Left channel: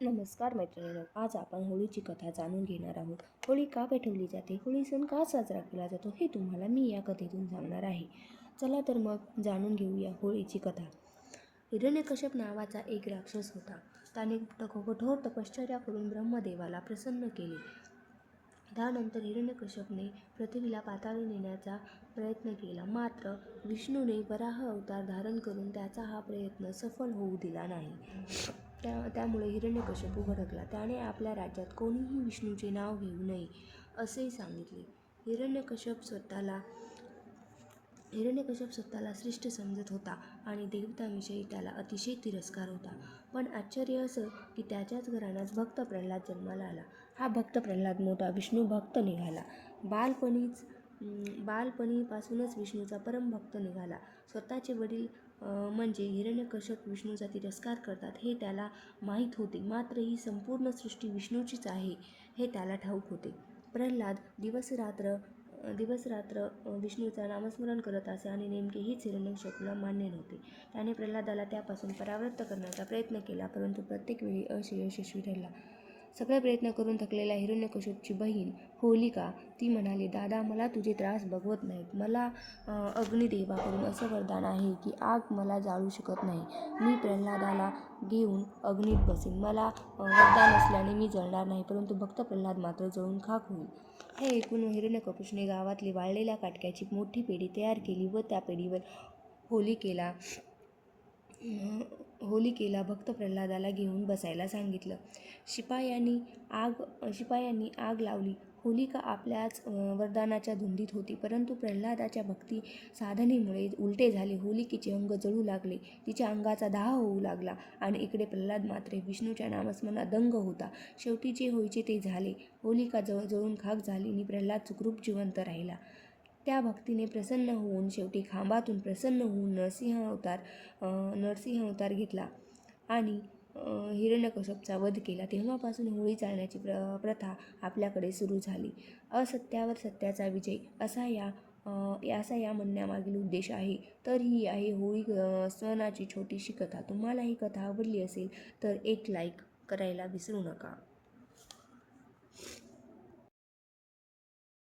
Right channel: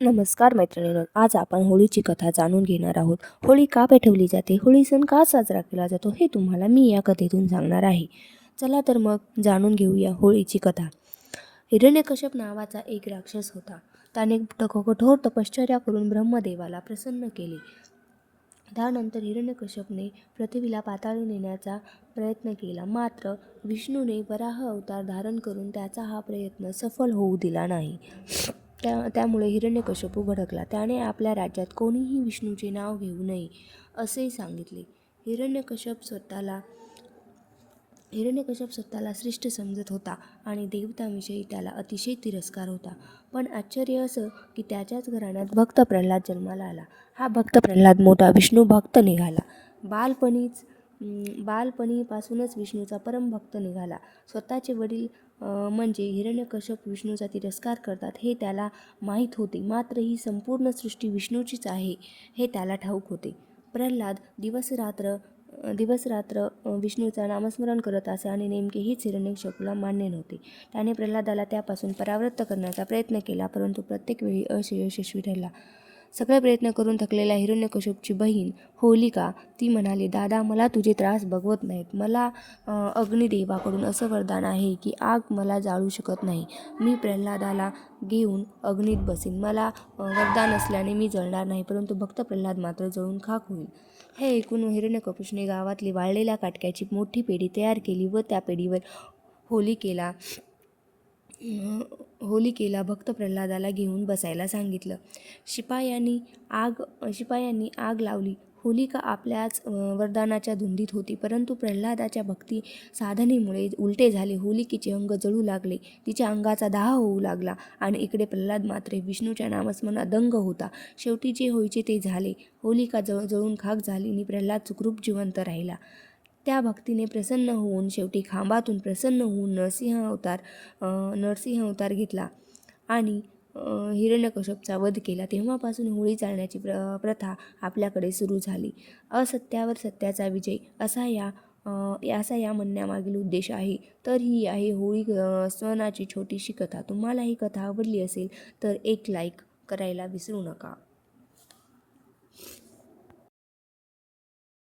नमस्कार मैत्रिणींनो, आज आपण होळीची कथा जाणून घेणार आहोत. होळी का पेटवली जाते, होळी सण का साजरा केला जातो हे तुम्हाला मी या कथेतून सांगणार आहे. चला तर मग जाणून घेऊया होळीची कथा. हिरण्यकश्यप नावाचा एक राक्षस होता. त्याने कठोर तपश्चर्या करून ब्रह्मदेवाला प्रसन्न केले. त्यानंतर हिरण्यकश्यपने पृथ्वीला पाताळी नेण्याचा प्रयत्न केला, मात्र विष्णूने वराह अवतार धारण करून त्याचा हा प्रयत्न सफल होऊ दिला नाही. त्यामुळे हिरण्यकश्यपू भडकला. त्याने आपल्या राज्यात कोणीही विष्णूचे नाव घेऊ नये असे सांगितले. हिरण्यकश्यप स्वतःला श्रेष्ठ समजत होता आणि देवतांविषयी त्याला अतिशय तिरस्कार होता. पण आश्चर्य असं की त्याच्याच घराण्यात भक्त प्रल्हाद जन्माला आला. हा भक्त प्रल्हाद मोठा विष्णू भक्त निघाला. बालपणीपासूनच विष्णूचा परमभक्त निघाला. स्वतःचे वडील म्हणजे हिरण्यकश्यप विष्णूचा तिरस्कार करतात हे त्याला माहीत होते, मात्र ही संपूर्ण सृष्टी विष्णूचीच आहे हे त्याला ठाऊक होते. प्रल्हाद दिवस रात्र विष्णूचा नामस्मरण करत असे आणि नेमके हीच हिरण्यकश्यपूला मान्य नव्हते. त्याने प्रल्हादाला त्यापासून परावृत्त करण्याचा प्रयत्न केला, परंतु प्रत्येक वेळी अयशस्वी ठरला. सगळे प्रयत्न करून थकलेल्या हिरण्यकश्यपूची बहीण होलिका ती म्हणाली, दादा, मला तुझे त्रास बघवत नाहीत. मला अग्निदेवाकडून असं वरदान आहे की आग मला जाळू शकत नाही. मी प्रल्हादाला घेऊन अग्नीत बसेन. मला वरदान असल्याने मी जळणार नाही, परंतु भक्त प्रल्हाद मात्र जळून खाक होईल. हे ऐकून हिरण्यकश्यपूने गावातली वाळलेल्या काटक्याची मोठी पेढी तयार केली व त्या पेढीवर होलिकेला भक्त प्रल्हादाला घेऊन बसायला सांगितलं. शिपायांनी आग लावली. होलिका आपल्याच वरदानाच्या धुंदीत होती, परंतु प्रल्हादाच्या भक्ती साधनेमुळे उलटे झाले. होलिकेचे अंग जळू लागले, तिच्या अंगाचा दाह होऊ लागला आणि इकडे प्रल्हाद मात्र विष्णूच्या नामस्मरणात दंग होता. शेवटी जे व्हायचे ते झाले. होलिका जळून खाक झाली आणि प्रल्हाद सुखरूप जिवंत राहिला. त्या भक्तीने प्रसन्न होऊन शेवटी खांबातून प्रसन्न होऊन नरसिंह अवतार घेतला आणि हिरण्यकश्यपचा वध केला. तेव्हापासून होळी जाळण्याची प्रथा आपल्याकडे सुरू झाली. असत्यावर सत्याचा विजय असा या म्हणण्यामागील उद्देश आहे. तर ही आहे होळी सणाची छोटीशी कथा. तुम्हाला ही कथा आवडली असेल तर एक लाईक करायला विसरू नका.